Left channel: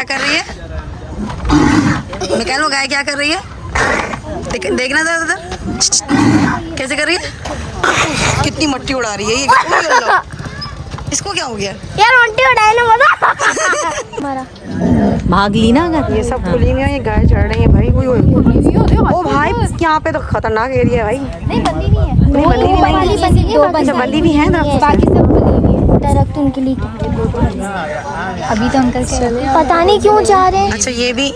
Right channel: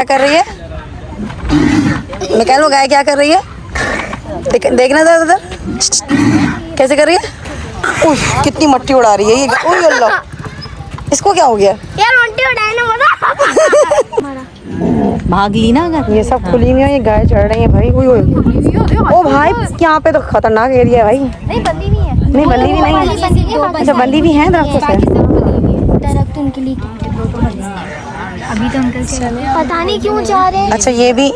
क्या कर रही है मिकाइल? वो गाय क्या कर रही है? देखना था उधर कैसे कर रही है। कितनी मट्टी उड़ा रही है ये। ओह अल्लाह, इसको क्या हो गया यार? मट्टी उड़ाए ना मजा। भाग ली ना अगर। ये सब खुली हुई है, ये गाय चढ़ रही है भाई। ओ भाई यहाँ पे तो खतरनाक एरिया है भाई। नहीं बंदी नहीं है। नहीं बंदी भी नहीं। अच्छा बंदी भी है दरख्त से। दरख्त उनके लिए अभी तो अंकल पता नहीं क्यों जा रहे हैं। अच्छा ये भी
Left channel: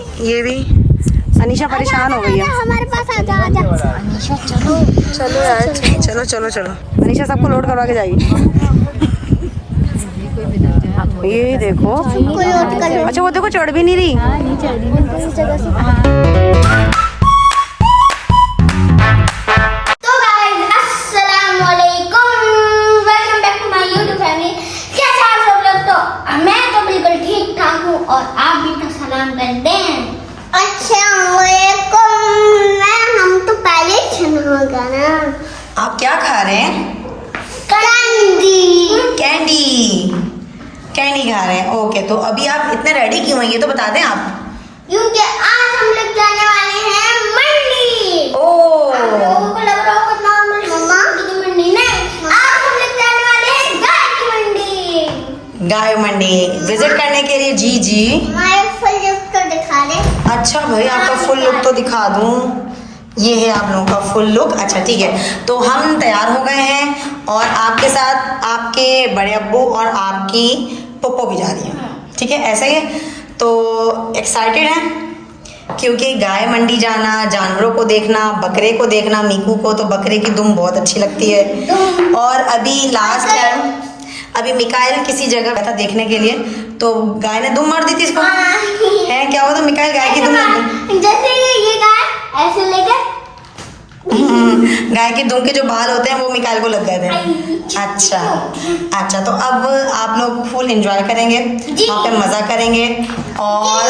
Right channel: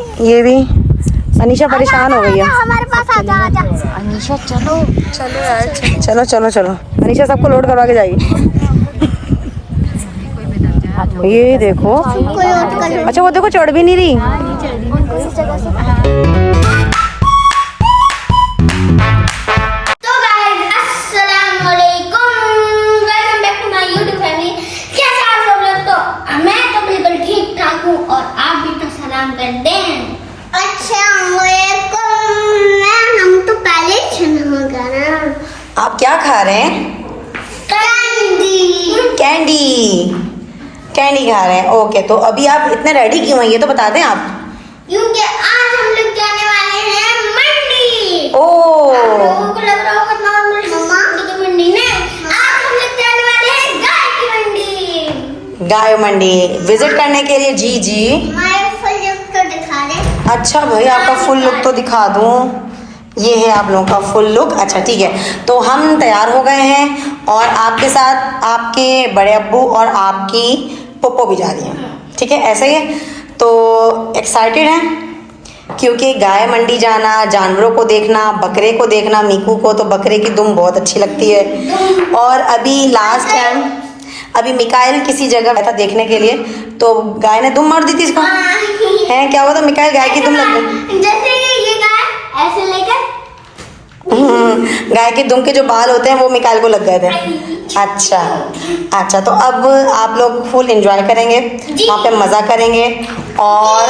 अनीशा परेशान हो गई है। हमारे पास आ जा अनीशा। चलो चलो यार, चलो चलो चलो। अनीशा सबको लोड करवा के जाएगी। ये देखो। कोई और कर। अच्छा वो देखो चढ़ भी नहीं रही। तो गाइस अस्सलाम वालेकुम, welcome back to my YouTube family. कैसे आप सब लोग? तो मैं तो बिल्कुल ठीक ठाक हूँ और आप भी तो सलाम कर दें। हम तो पहले सुना ना। आप क्या खा रहे हैं? कैंडी खा रहे हैं। ओके तो अभी आप इतने रेडी क्यों हैं ये तो बता दें आप। क्योंकि आज हम लोग जाने वाले हैं मंडी। ओह लोगों को लग रहा होगा नॉर्मल मम्मा की मंडी नहीं, आज हम लोग जाने वाले हैं गाय की मंडी। गाय मंडी विजिट करने के लिए। जी हमारे फुल लुक तो दिखा दे। अच्छा भाई आपका फुल लुक तो दिखा दूं। ये है आप लोगों का फुल लुक। अच्छा ठीक है तो हम तैयार हो गए हैं और आपके साथ आपके बड़े अब्बू और आपकी पप्पो भी जा रही हैं। ठीक है ऐसा ही है। तो एक्साइटेड हैं क्योंकि गाय मंडी जाना, जानवरों को देखना, बकरे को देखना। मीकू को तो बकरे की दुम बहुत अच्छी लगती है। और अभी लास्ट टाइम अभी मिकाइल किसी जगह था देखने के लिए तो गाय ने दुम मार दी थी इसको। है क्या हुआ था मिकाइल? गाय की दुम लग गई। जैसे ये गाय ऐसे लेकर गाय के दुम के जो बाल होते हैं वो मिकाइल को लग गए थे। अच्छा तो अब आप लोग फुल एंजॉय करेंगे, वहाँ पे मजा करेंगे और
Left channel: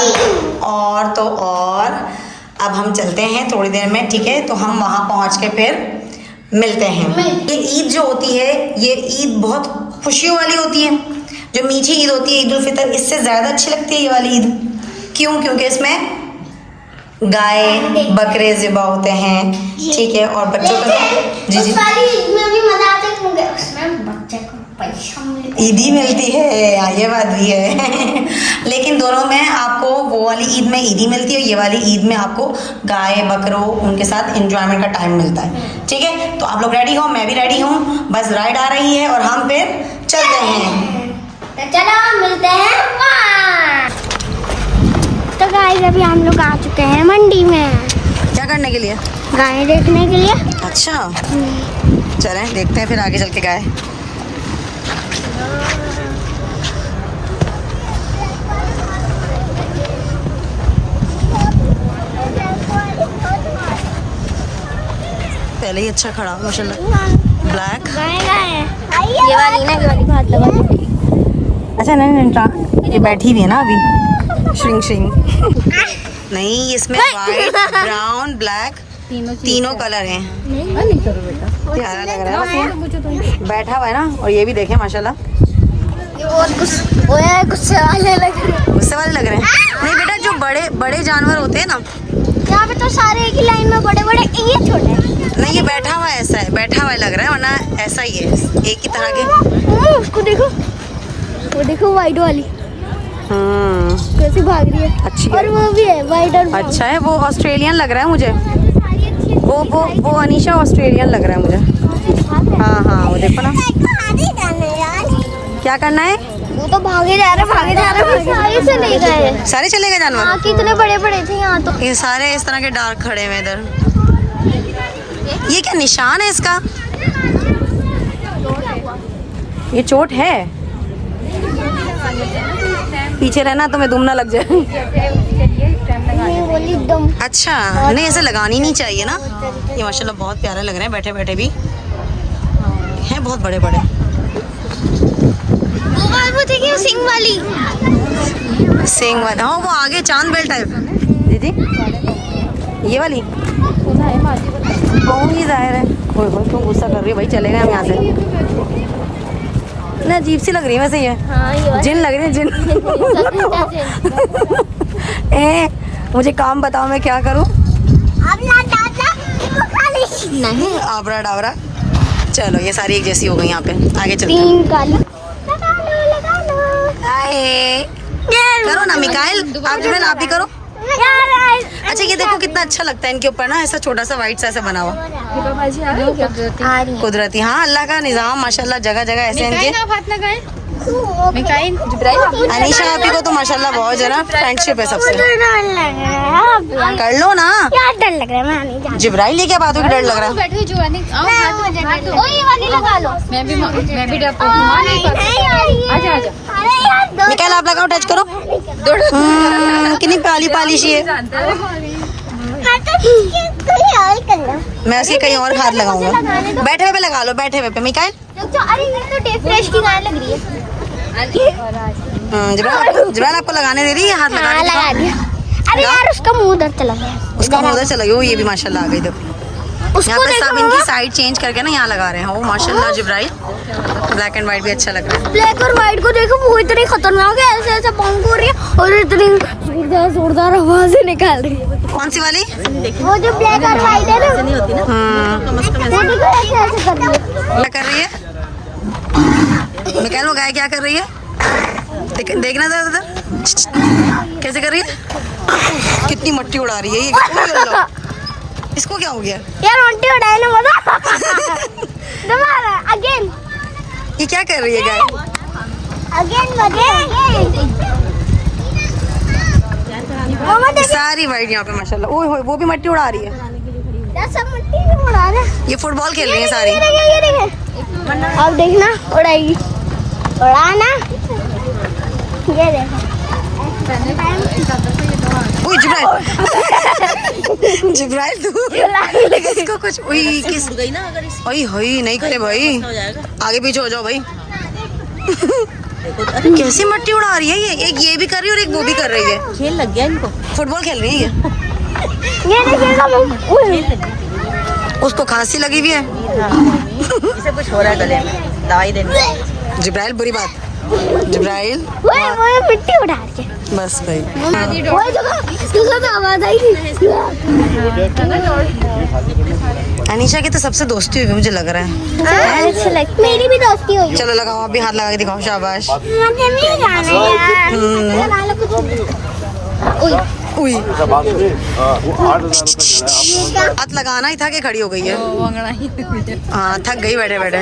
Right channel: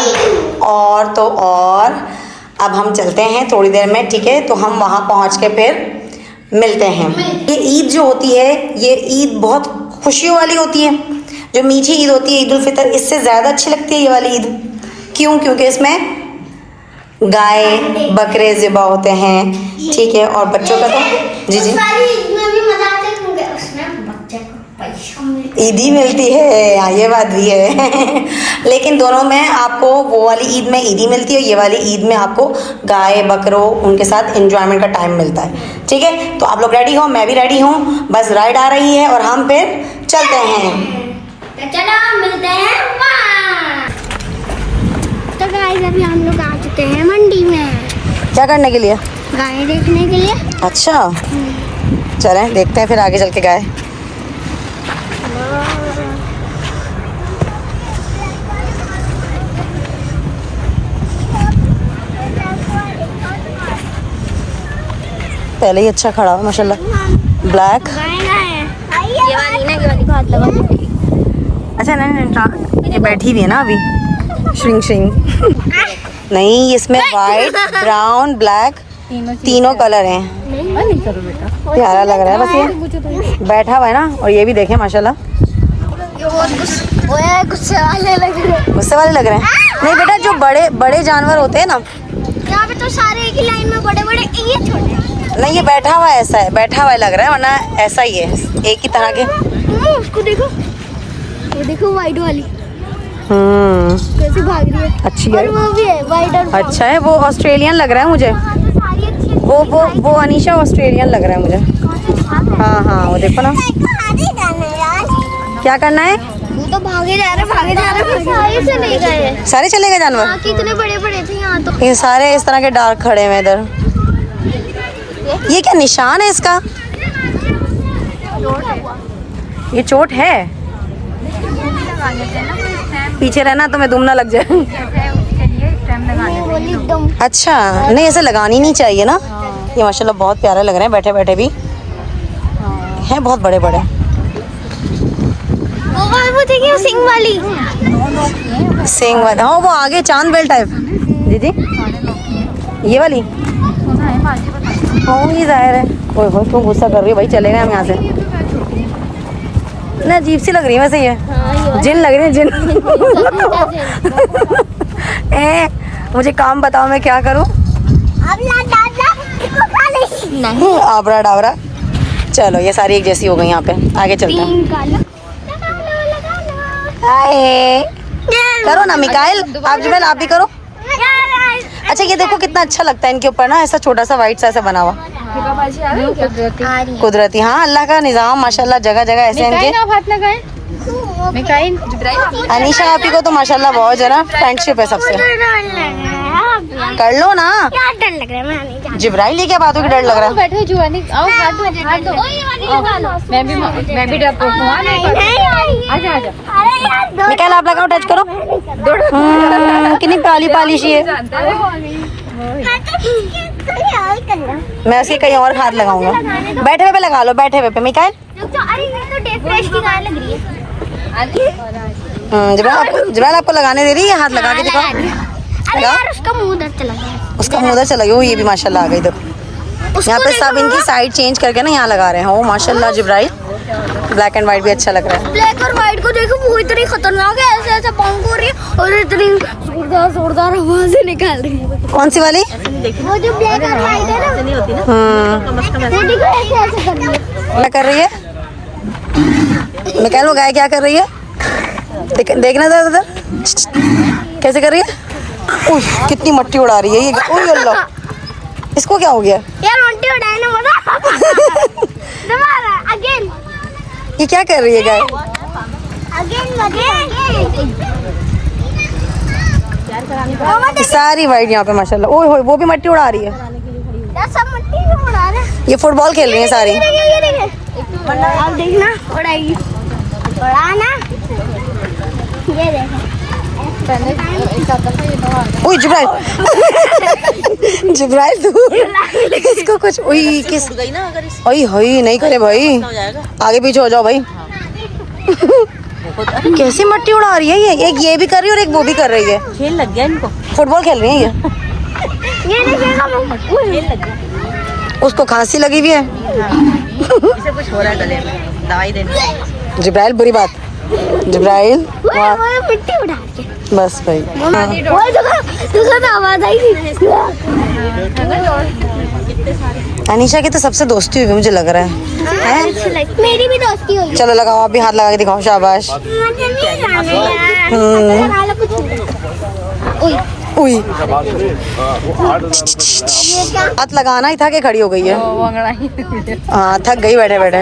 अब हम चलते हैं थोड़ी देर में। ठीक है तो हम वहाँ पहुँच के फिर मिलते हैं। ये ईद जो होती है ये ईद बहुत खुशियों वाली होती है। जो मीठी ईद होती है ईद उल फितर, इससे ज्यादा अच्छी लगती है ये वाली ईद। क्यों? क्योंकि इसमें गाय बकरे ज़िबा होते हैं। ठीक है और बच्चों का तो जी उस वाली ईद में भी मजा आता है क्योंकि उसमें बच्चे को पैसा ईदी मिलती है। ये बात भी है लेकिन दोनों में आपको वो वाली ईद में ईदी मिलती है, ये वाली ईद में आपको गाय बकरों उनके साथ एंजॉयमेंट का टाइम मिलता है। ठीक है तो आप लोग रेडी हो, मैं भी रेडी हूँ। बस राइड आ रही है और हम फिर चलते हैं। तो चलो मिलते हैं वहाँ। तो गाइस अभी हम लोग आ चुके हैं मंडी में। क्या करने के लिए? गाय देखने के लिए। अच्छा चलें देखते हैं फिर आगे चल के गाय। पहले ही अच्छा खड़ा माशाल्लाह। ब्लैक ये वाली भात लगा। अच्छा नहीं ये बैठी भी है ना अभी। श्रिंग नहीं इसमें वाइट ब्राउन ब्लैक तीनों कलर हैं। प्यारा लग रहा है बस ये बैठा हुआ है ना। और ये भी देखें माशाल्लाह गुस्से वाले लग रहे हैं। गुस्से वाले लग रहे हैं। नहीं बेटा जो बड़े जानवर होते हैं ना यहाँ पे तो सारे एक ही लाइन में बड़े बड़े, ये छोटे। नहीं ये बैठा हुआ ऐसा है, बैठा हुआ लग रहा है वरना ऐसा ही है एक ही तरह के। उसको देखो, वो देखो वाइट वाली कैसे भाग रही है। अच्छी और है। वो भी है वाइट और अच्छा है। वो ऑस्ट्रेलियन लग रहा है मुझे। वो अनीशा ऑस्ट्रेलियन लग रहा है मुझे। हाँ वो देखो ना। क्या करना है? वो तो भागे जा रहे सारे चले गए। सारे चले गए जानवर। कितने बड़े बड़े थे यहाँ तो। ये सारे इस तरह के डार्क खड़े हुए इधर। ये क्या निशान है इसका? ये चोट है। पीछे रहना तुम्हें दुम ना लग जाए। अच्छा नहीं ऐसे लगानी नहीं चाहिए ना। ये माशाल्लाह बहुत प्यारे लग रहे हैं बैठे बैठे भी हैं, बहुत बड़े बड़े। वो देखिए सिंग वाली। हाँ वो आगे चांद बेल टाइप। दीदी ये वाली कौन ही जाहिर है। ओह क्यों गुस्सा कर रही है भाई? चलेगा हम यहाँ से। ना अजीब सी लग रही है वैसे ये। हाँ ये जिन लग रही है जिन। ए मुझे काम बताओ मैं क्या करूं? आबरा डाबरा। चलो ये सारी एक जैसी हो गई यहाँ पे, आगे चलते हैं। हाय करो ना मिकाइल, आप जुबैल आप भी करो। अच्छा ये देखो कितना अच्छा लगता है इनके ऊपर ना, ऐसा छोटा सा व्हाइट सा ऐसा बना हुआ कुदरती। हाँ अल्लाह का निजाम माशाल्लाह, जगह जगह ऐसे इनके। अनीशा आपी को तो माशाल्लाह बहुत जो ना फ्रेंडशिप है सबसे। कर लो ना। डर लग रहा है, मैं नहीं जा। जिब्राइल ये क्या बातों की डर लग रहा है? निकाल आप लगाओ, टच करो। कितनी पाली पाली सी है। मैं उसके कहीं और हाथ लगाऊंगा। बैठे हुए पे लगा लो, बैठे हुए पे मिकाइल। जिब्राइल आपको लगाने दे रही है, हाथ लगा के दिखाओ। उसका मुंह उधर चला गया। उसका मुंह उधर चला गया। ये भी माशाल्लाह आ गई। देखो यहाँ पे सब इनकी साइड चेंज करके ना यहाँ लगा रहे हैं। ओ माशाल्लाह जिब्राइल, ब्लैक एंड व्हाइट भी अच्छा लग रहा है। ब्लैक और व्हाइट को देखो, वो इतनी खतरनाक है, ऐसा ऐसा बाउंड हो रही है और इतनी जोरदार जोरदार आवाजें निकाल रही है। कौन सी वाली? वो जो ब्लैक और व्हाइट है ना, वो देखो ऐसे ऐसे कर रही है। क्या कर रही है मिकाइल? वो गाय क्या कर रही है? देखना था उधर कैसे कर रही है। कितनी मट्टी उड़ा रही है ये। ओह अल्लाह, इसको क्या हो गया? यार मट्टी उड़ाए ना मजा। दोबारा अगेन। ये क्या कर रही है गाय? सारी वाइट यहाँ पे माशाल्लाह। ओह हो, वो भी मट्टी उड़ा रही है। सब मट्टी उड़ा रहे हैं। ये फुटबॉल खेल रही है सारी। ये अब देखना उड़ाएगी, उड़ाना। ये देखो ओए जिब्राइल। जिब्राइल तू इसको कुछ ओए किस ओए होई नहीं करे भाई, आगे पीछे हो जाओ भाई। कैसी मट्टी उड़ा रही है ये? एक ये भी कर रही है और एक वो भी कर रही है। खेल लग गया इनको, फुटबॉल खेल रही है ये। उसको खांसी लगी हुई है। इसे कुछ हो रहा है गले में, दवाई देनी। जिब्राइल बुरी बात। जिब्राइल मिट्टी उड़ा के बस भाई। वो तो आवाज आई थी। अनीशा की तो सबसे दोस्ती हुई मुझे लग रहा है। मेरी भी दोस्ती हुई। चलो लगाओ, आप भी हाथ लगा के दिखाओ। शाबाश। उई हाथ लगाना ही था कि खड़ी हो गई है। हाँ थक गई बैठे बैठे।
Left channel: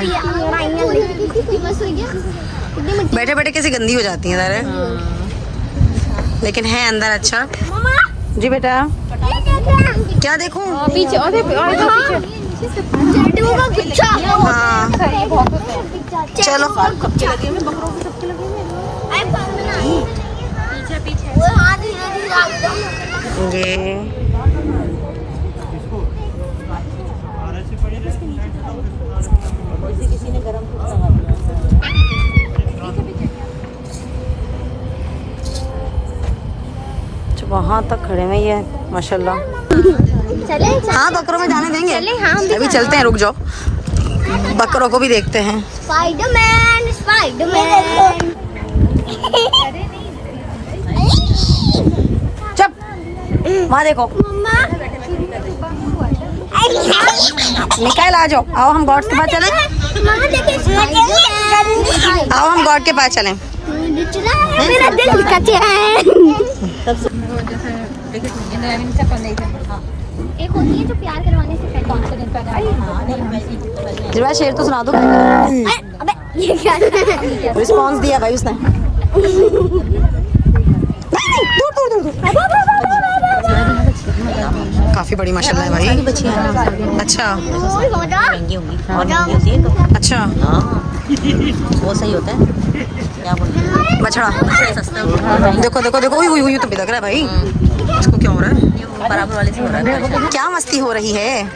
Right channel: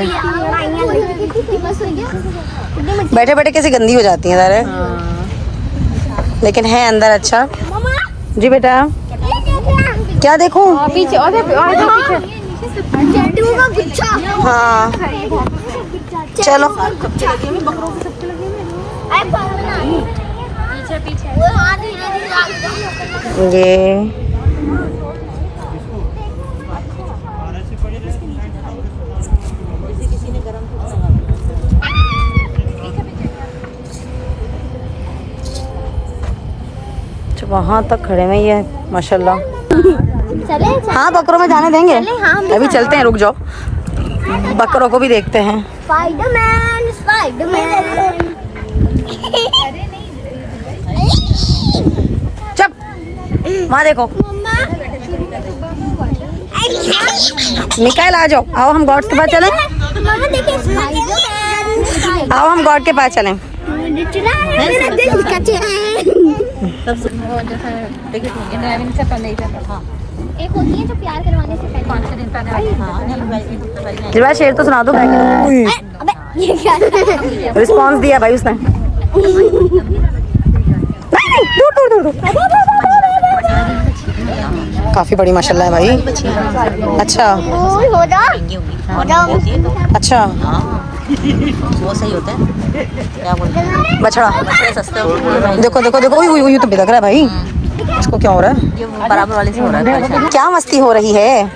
बैठे बैठे कैसे गंदी हो जाती है सारे, लेकिन है अंदर अच्छा। जी बेटा क्या देखूं? हाँ चलो ये वहाँ तक खड़े में ही है माशाल्लाह। हाँ बकरों में जाने देंगे, अभी चलते हैं, रुक जाओ बकरों को भी देखते हैं। Spiderman Spiderman. चुप, वहाँ देखो। निकाल आ जाओ, आओ हम गॉड के पास चलें। आओ हम गॉड के पास चलें। मेरा दिल का चैन। एक होती है जो प्यार करवाने से पहले। कौन से दिन पे? जिब्राइल शेर तो सुना दो। अबे ये क्या रिस्पॉन्स दिया भाई उसने। दूर दूर दूर दूर। काफी बड़ी माशाल्लाह है भाई। अच्छा अच्छा वो सही होता है। क्या बोलते हैं बछड़ा? देखो देखो देखो, ये तो बिलक रहा है भाई। इसको क्या हो रहा है? बराबर वाले से हो रहा है। क्या मस्ती हो रही है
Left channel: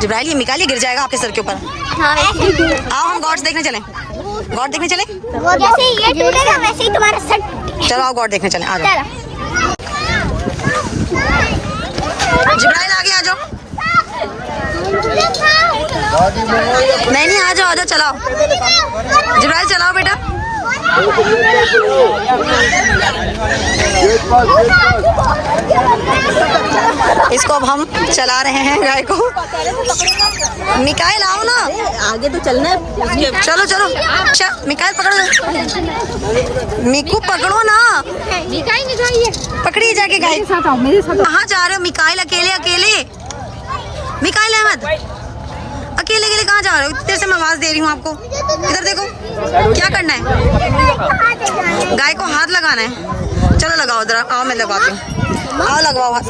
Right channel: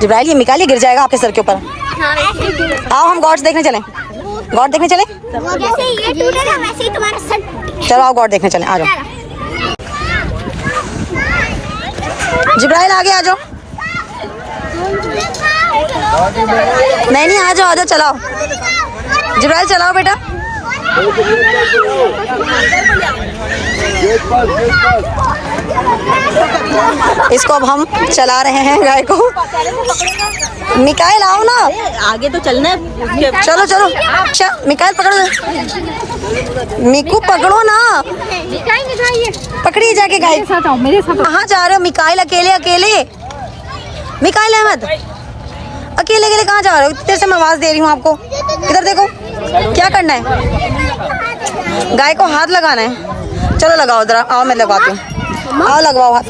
जिब्राइल? ये निकालिए, गिर जाएगा आपके सर के ऊपर। आओ हम गॉड्स देखने चलें। गॉड देखने चलें? जैसे ये टूटेगा वैसे ही तुम्हारा सर। चलो आओ गॉड देखने चलें। आ जाओ जिब्राइल, आगे आ जाओ। नहीं नहीं आ जाओ आ जाओ, चलाओ जिब्राइल चलाओ बेटा। इसको अब हम चला रहे हैं गाय को। मिकाइल आओ ना, आगे तो चलना है। चलो चलो। अच्छा मिकाइल पकड़ ले, मिकू पकड़ो ना, पकड़ी जाके गाय। मेरे साथ कहाँ जा रहे हो मिकाइल? अकेले अकेले? मिकाइल अहमद अकेले अकेले कहाँ जा रहे हो? तेरे से मैं आवाज दे रही हूँ आपको। इधर देखो, क्या करना है? गाय को हाथ लगाना है। चलो लगाओ जरा, आओ मैं लगवाती हूँ। आओ लगवाओ हाथ,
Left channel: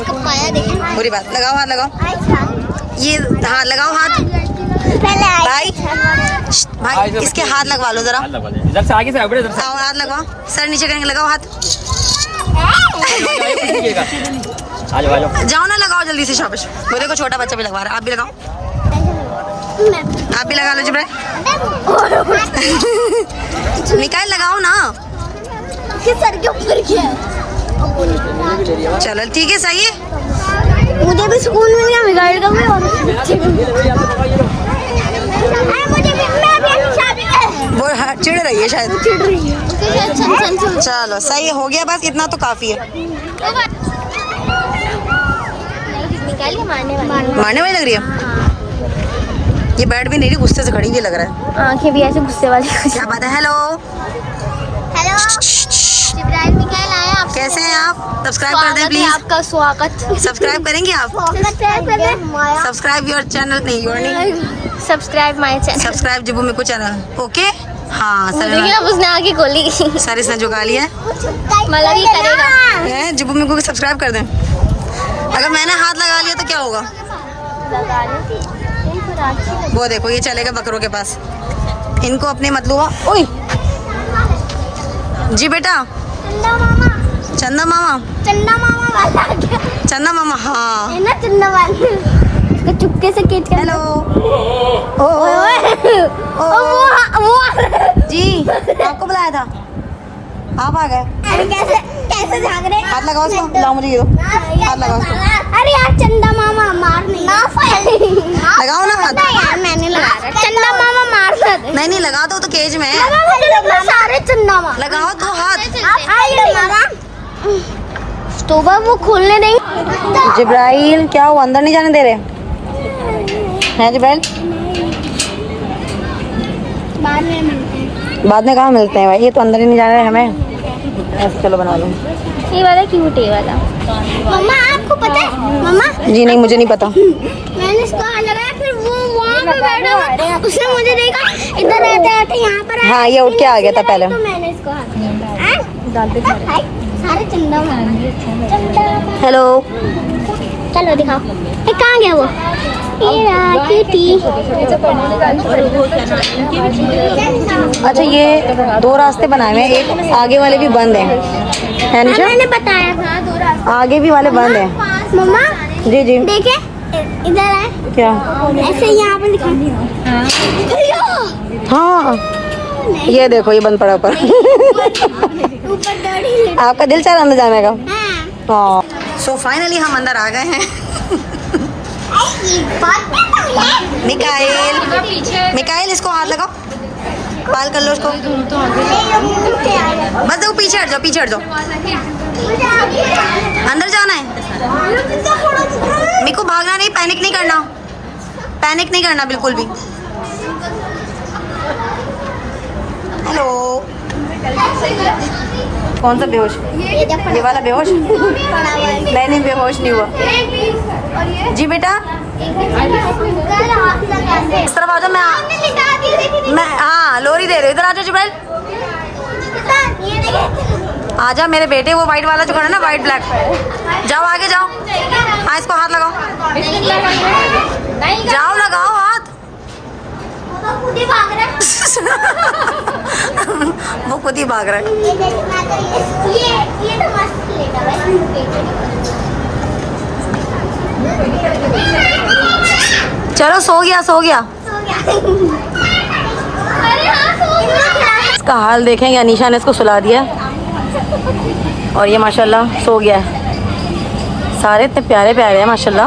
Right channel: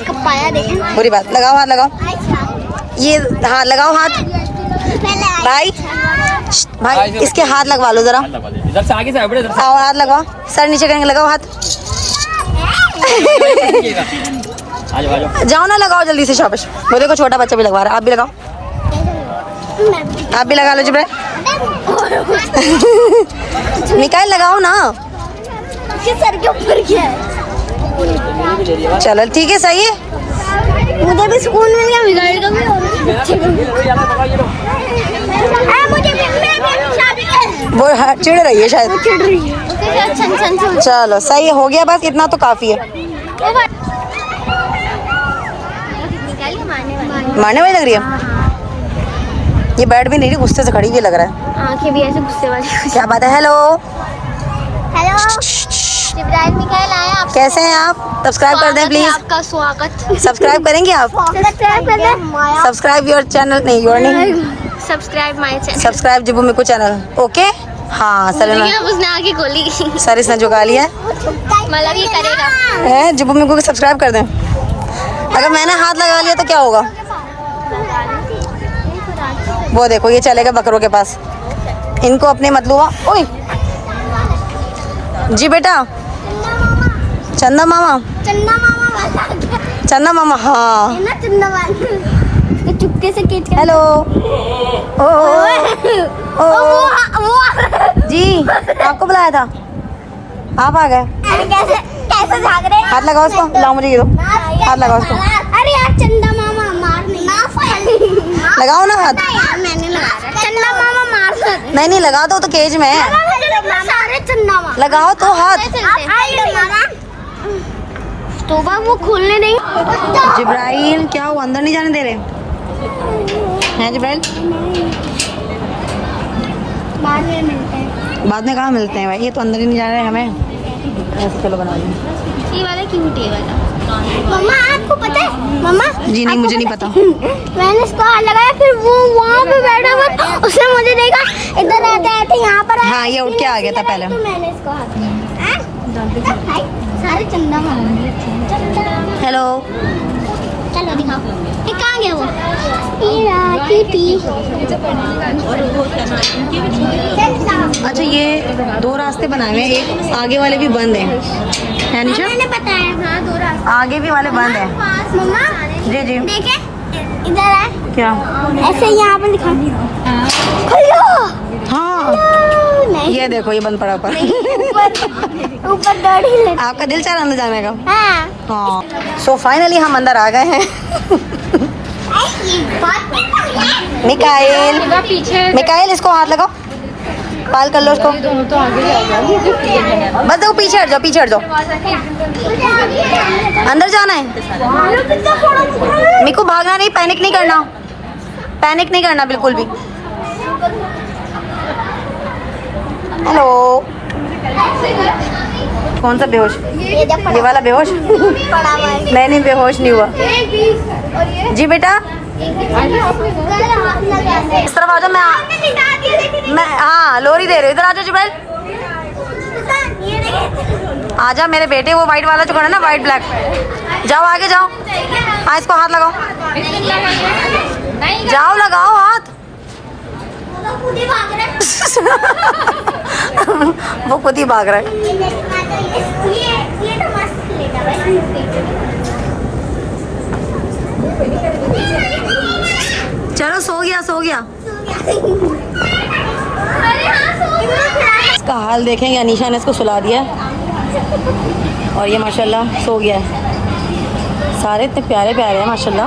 बुरी बात, लगाओ हाथ, लगाओ ये हाथ, लगाओ हाथ। भाई भाई इसके हाथ लगवा लो जरा, इधर से आगे से आओ, इधर से आओ हाथ लगाओ, सर नीचे करेंगे, लगाओ हाथ। आ जाओ। जाओ ना, लगाओ जल्दी से, शाबाश। वो देखो छोटा बच्चा भी लगवा रहा है, आप भी लगाओ, आप भी लगा लो जिब्राइल। मिकाइल लगाओ ना। सर के ऊपर क्या है? चलो ठीक है, सही है। मुझे भी सुकून मिल गया, मिकाइल का भी और बच्चे का भी। मुझे भी, मैं भी शादी वो चिढ़ रही है शायद। चिढ़ रही है। उसके साथ छन छन छन। चलो सही है, हो गया, बस इतना तो काफी है। मारने वाली लग रही है ये, बैठ भी नहीं रही, गुस्से से खड़ी हुई लग रहा है। आंखें भी ऐसे गुस्से वाली। क्या बात है? हेलो हेलो मिकाइल आया आप? कैसे हैं आप? सब्सक्राइब कर दें प्लीज। आपका स्वागत। सब्सक्राइब करेंगे आप? सब्सक्राइब योर चैनल, नहीं योर नहीं, subscribe my channel. Subscribe Zibu मिकू channel. Okay हाँ सर, उसने आगे खोली। सर इसने झुका लिया है। मतलब ये करेगा जिबू मिकू को सब्सक्राइब कर दें। अगर मैंने हाथ लगा लिया तो क्या होगा? वो देखो ये चलेगा बकरों के पास, इनको अपने मतलूबा। ओए जी बेटा, चंदा मामा, चन्ना मामा वाला। चंदा मामा, हाँ है ना चन्ना वाला। इसको चुपके से खींच कर। हेलो। ओ वो जी, आपको बुलाया था, आप आ गए। कैसे कैसे भाग रहे हैं? हाथ लगाओ उसको, लाओ मुझे ये दो, हाथ लगाओ उसको, अरे यार चंदा मामा मार नहीं। लगाओ ना हाथ। यार मैंने लगाया। चंदा मामा मार सकते। नहीं नहीं, लगा दो तो केज में है, सारे चंदा मामा लगाओ तो हाथ। तो वो खोलने नहीं। जिब्राइल क्या हुआ, अंदर नहीं जाने दे रहे हैं जिब्राइल? बाद में मिलते हैं। बाद में कहाँ मिलते हैं भाई, ये तो अंदर ही नहीं जाना है हमें। ऐसे चलो बना लें। ये वाला क्यूट है वाला। मम्मा आपको पता है? मम्मा जी नहीं, मुझे नहीं पता। मैंने इसको हाथ लगाया, फिर वो वहाँ पे बैठा हुआ, उसने मुझे देखा, इधर रहते रहते यहाँ पर आया। हाँ ये उठ के आ गया था पहले। तो मैंने इसको हाथ लगाया। हाय, सारे चंदा मार। हेलो। चलो दिखाओ, ये कहाँ गया वो? अच्छा ये दो रास्ते बनाए हुए हैं, एक आगे वाले भी बंद हैं, है निशा? मैंने बताया हाँ, दो रास्ते। आगे भी वाले बंद हैं। मम्मा जी जी। देखे, इधर है क्या? ऐसे यहाँ पर लिखा। हाँ नहीं, ये देखो, ये बंद पड़ा ऊपर। ऊपर दाढ़ी लगी। आपका दिल चाह रहा अंदर जाने का? हाँ। हाँ। सो फाइनली हम अंदर आ गए हैं। मिकाइल, मिकाइल इसको हाथ लगाओ, पाल कर लो उसको। बस देखो, पीछे हट जाओ, पीछे हट जाओ। अंदर जाना है। मिको भागना नहीं, पैनिक नहीं करना, पैनिक नहीं करना बिल्कुल भी। हेलो। कौन सा बेहोश? ये वाला बेहोश? नहीं नहीं, बेहोश नहीं हुआ। जी बेटा इस तरफ आ जाओ, मैं हाँ लोरी दे रही हूँ, इधर आ जाओ जुबैल, आ जाओ मेरे बेटे। वो वाइट वाला जो खड़ा है ना, वाइट ब्लैक, जाओ आगे जाओ। हाँ इसको हाथ लगाओ, जाओ लगाओ हाथ। वो खुद ही भाग रहा है। चलो सो गया, सो गया। इसका हाल देखेंगे, अनीशा ने इसको सुला दिया और ये माशाल्लाह सो गया है। सारे इतने प्यारे प्यारे हैं माशाल्लाह।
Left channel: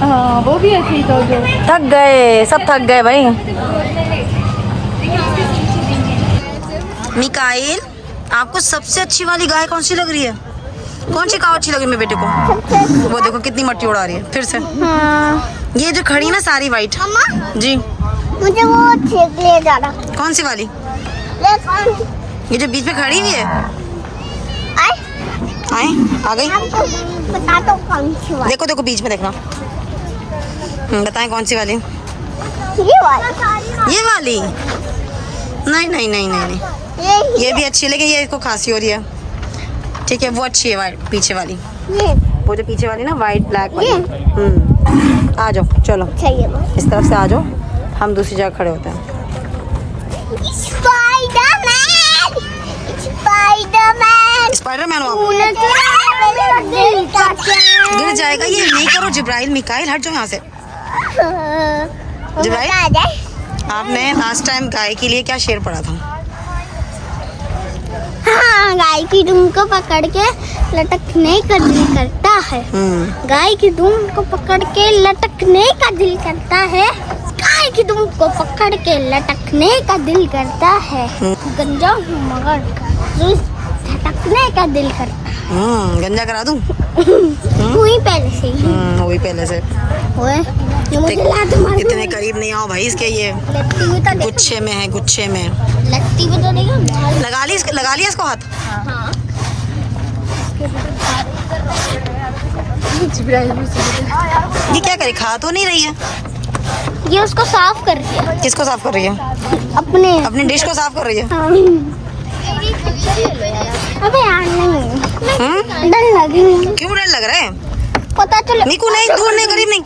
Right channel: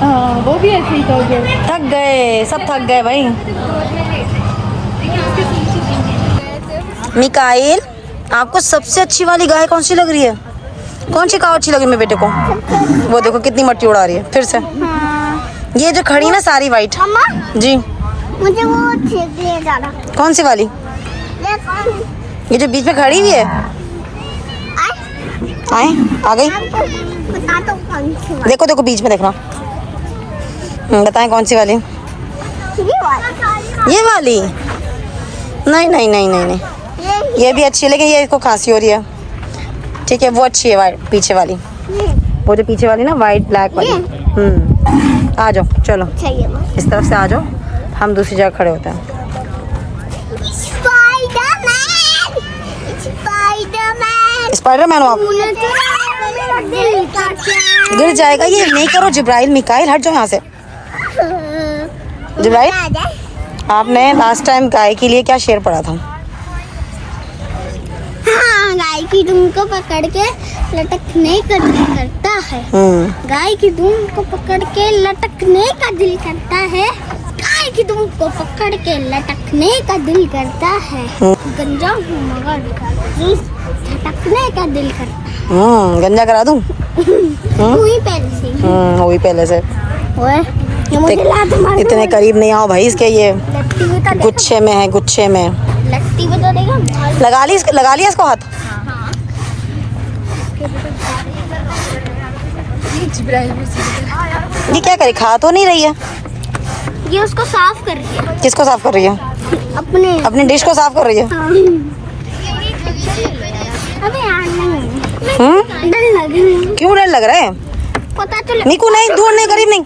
हाँ वो भी ऐसे ही था जो थक गए, सब थक गए भाई। मिकाइल, आपको सबसे अच्छी वाली गाय कौन सी लग रही है? कौन सी काव अच्छी लगी मेरे बेटे को? वो देखो कितनी मट्टी उड़ा रही है फिर से। ये जो खड़ी है ना सारी वाइट जी, मुझे वो ठीक ले जाना। कौन सी वाली? ये जो बीच में खड़ी हुई है। आए आ गई। बता दो कौन सी वाली? देखो देखो बीच में देखना। बताएं कौन सी वाली? ये वाली। ये वाली? नहीं नहीं नहीं नहीं नहीं, ये भी अच्छी है लेकिन ये इसको खांसी हो रही है। ठीक है वो अच्छी है वाइट पीछे वाली, वो जो पीछे वाली ना वाइट ब्लैक वाली। आ जाओ चलो चाहिए वो। इस तरफ से आ जाओ, हम दूसरी जगह खड़े होते हैं। स्पाइडरमैन हो आप? गिर जाएगा ये, नहीं करो जिब्राइल। मिकाइल हट जाओ यहाँ से। जिब्राइल, आपने लास्ट टाइम गाय के लिए क्या शेर पढ़ा था? हाँ, गाय की दुम को पकड़ के लटकने का दिल करता है। गाय की दुम को पकड़ के लटकने का दिल करता है। गाय की दुम को पकड़ के लटकने का दिल करता है। गंजा हूँ मगर झटकने का दिल करता है। गंजा करा दूं? वही पहले से ही। वही पहले से। ओए, ये मुझे लात मार दो। इतने करीब नहीं आओ भाई इसके, ये लत्ती में तो गुच्छे में है, गुच्छे में। लत्ती में तो नहीं है। लगा लिया इसको हाथ। ये क्या करे, खा तो नहीं रही है? ये उसको साफ कर दिया। किसको साफ कर रही है? अपनी डिश को साफ कर रही है। अबे यार डर लग रहा है। क्यों डर लग रहा है? पता चले नीकू नहीं, दूर नहीं, करीब नहीं।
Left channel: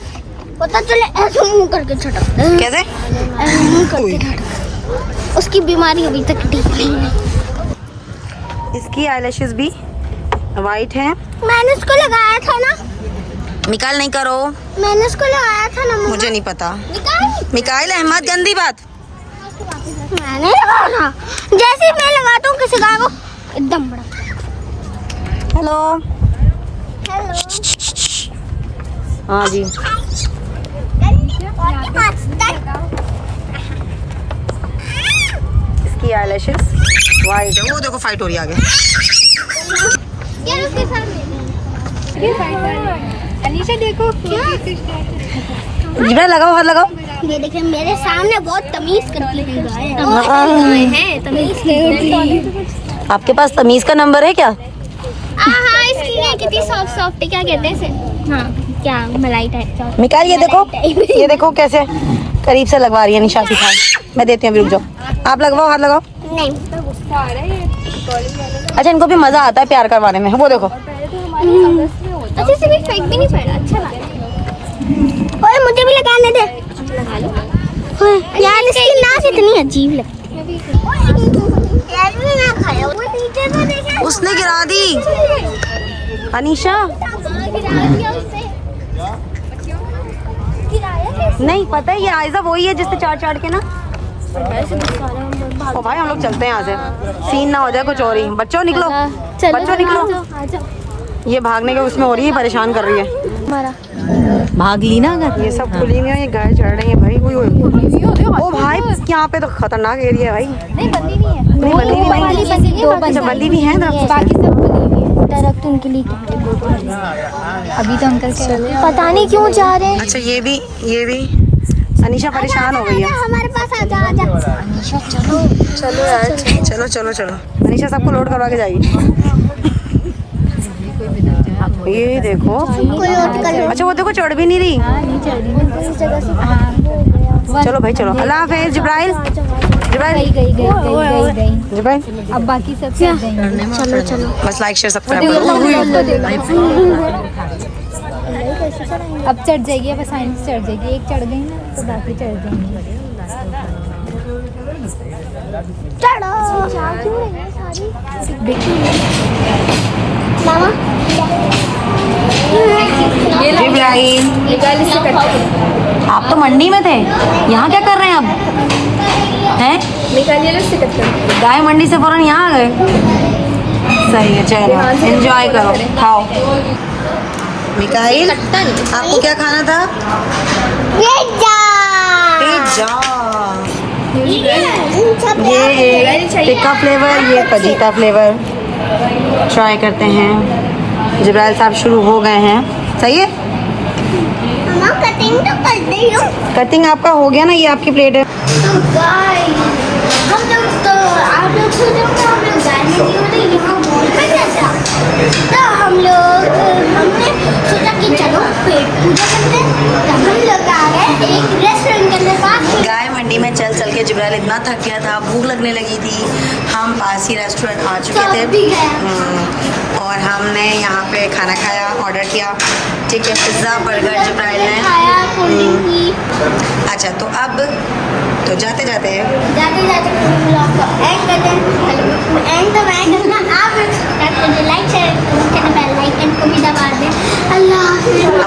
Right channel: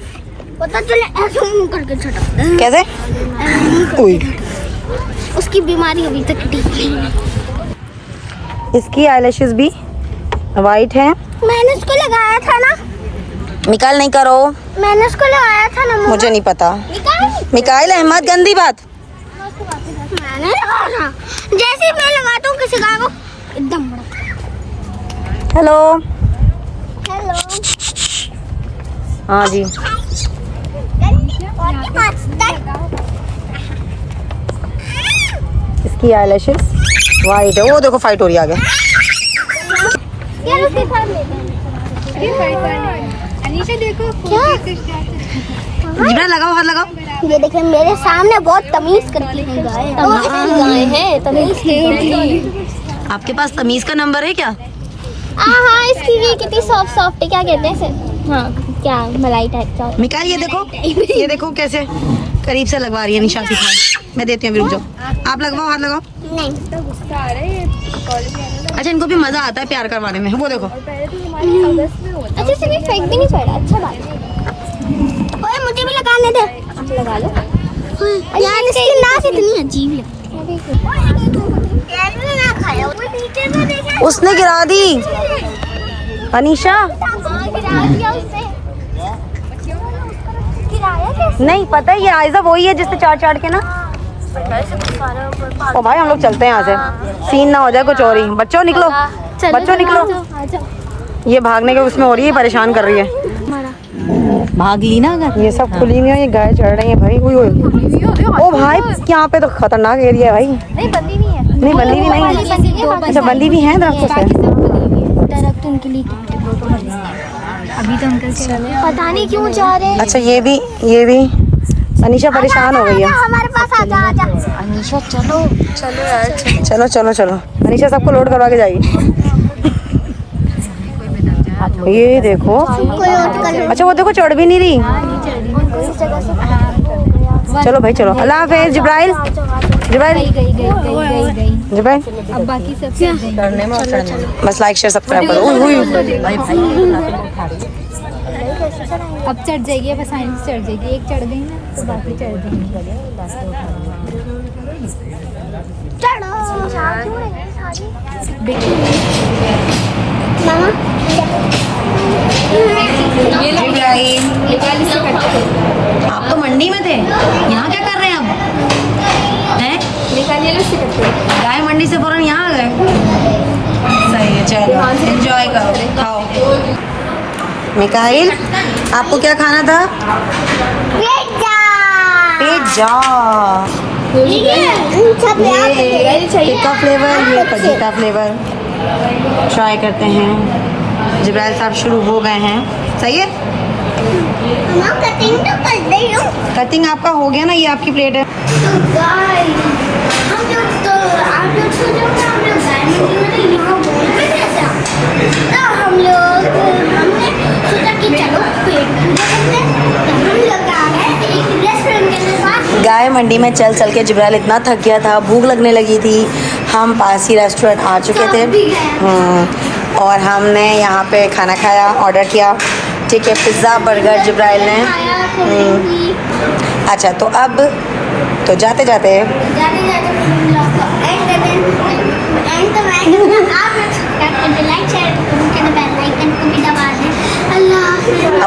पता चले ऐसे मुंह करके छटा। कैसे? उसकी बीमारी अभी तक ठीक नहीं है। इसकी आईलैशेस भी वाइट हैं। मैंने उसको लगाया था ना। मिकाइल नहीं करो, मैंने उसको लगाया था ना। मुझे नहीं पता। निकाल। मिकाइल अहमद गंदी बात। मैंने लगाया था। जैसे ही मैं लगाता हूँ किसी गाय को एकदम बड़ा। हेलो। हेलो। हाँ जी। इसकी आईलैशेस वाइट है। वो देखो फाइट हो रही है आगे। अनीशा देखो। जिब्राइल लगाओ, हाथ लगाओ। ये देखिए मेरे सामने बहुत तमीज करती है गाय। तमीज है। आपके पास तमीज का नंबर है क्या? हाँ, इसकी ये कितनी सॉफ्ट सॉफ्ट है, क्या कहते हैं इसे? हाँ, क्या मलाई टाइप का। मिकाइल ये देखो, ये देखो कैसे करीब से लगवा रही है निशा की खान। मैं देती हूँ, रुक जाओ। आप लगवाओ, हाथ लगाओ। नहीं। अच्छा इनको भी मजा आता है प्यार करवाने में। वो देखो अच्छे से भी फेंक भी नहीं पड़ा। अच्छा बात। ओए मुझे भी लगाने दे। लगा लो। यार इसकी नाक इतनी अजीब लगती है। उसने गिरा दी अनीशा। नहीं पता है, ये आयजा वही है जिससे चाट चाट के ना। ओ भाई हम लोग चलते हैं यहाँ से, सीन ना हो जाए कुछ और ही। बच्चों निकलो, बच्चों निकलो। ये भागने के उसमें हो रही है, परेशान कर रही है। भाग ली ना अगर। ये सब खुली नहीं है, ये गाय चढ़ रही है भाई। ओ भाई यहाँ पे तो खतरनाक एरिया है भाई। नहीं बंदी नहीं है। नहीं बंदी भी नहीं। अच्छा बंदी भी है दरख्त से। दरख्त उनके लिए अभी तो अंकल पता नहीं क्यों जा रहे हैं। अच्छा ये भी अनीशा परेशान हो गई है। हमारे पास आजा आजा। अनीशा चलो चलो यार, चलो चलो चलो। अनीशा सबको लोड करवा के जाएगी। ये देखो। अच्छा वो देखो चढ़ भी नहीं रही। चलो भाई चलो। अल्लाह हाफिज़ जिब्राइल। जिब्राइल जिब्राइल अब बाकी सब चढ़ जाएंगे। बस लाइक शेयर सब्सक्राइब करो। अब चढ़ जाएगी, अब साइंस चढ़ जाएगी। एक चढ़ गई ना तो बाकी चढ़ जाएंगे। आप तो मंडी में थे, यहाँ क्या कर रहे हैं अब? हैं? गाय मंडी से फौरन यहाँ आ गए। सही है, चलो एंजॉय करो, खाओ। मिकाइल आपको क्या खाना था? पिज़्ज़ा। पिज़्ज़ा। सब ये टिक्का फ्लेवर, ये पजी का फ्लेवर ट्राई करते हैं। जिब्राइल साहब शुरू हो गए हैं। सही है, मम्मा कटिंग तो कर रही हूँ। कटिंग आपका हो गया ना, ये आपकी प्लेट है। तो गाइस हम लोग तो आप लोग सोच रहे थे हम लोग गाने की होते यहाँ बोल पे कैसा, तो हमने सोचा कि चलो पेट पूजा करते हैं। तो हम लोग आ गए एक रेस्टोरेंट के अंदर पास। गाय मंडी में चल चल के जिब्राइल इतना थक गया था, भूख लगने लगी थी। हम पास ही रेस्टोरेंट आ चुके थे। और हमने यहाँ पे खाना खाया, ऑर्डर किया। ठीक है, पिज़्ज़ा बर्गर जिब्राइल ने। अच्छा, तो अब तो जाते जाते ब्लॉग को एंड कर दें। एंड तो मैं करना, आप लोग सब्सक्राइब करके लाइक शेयर करके बेल आइकन को भी दबा दें। अल्लाह हाफ़िज़।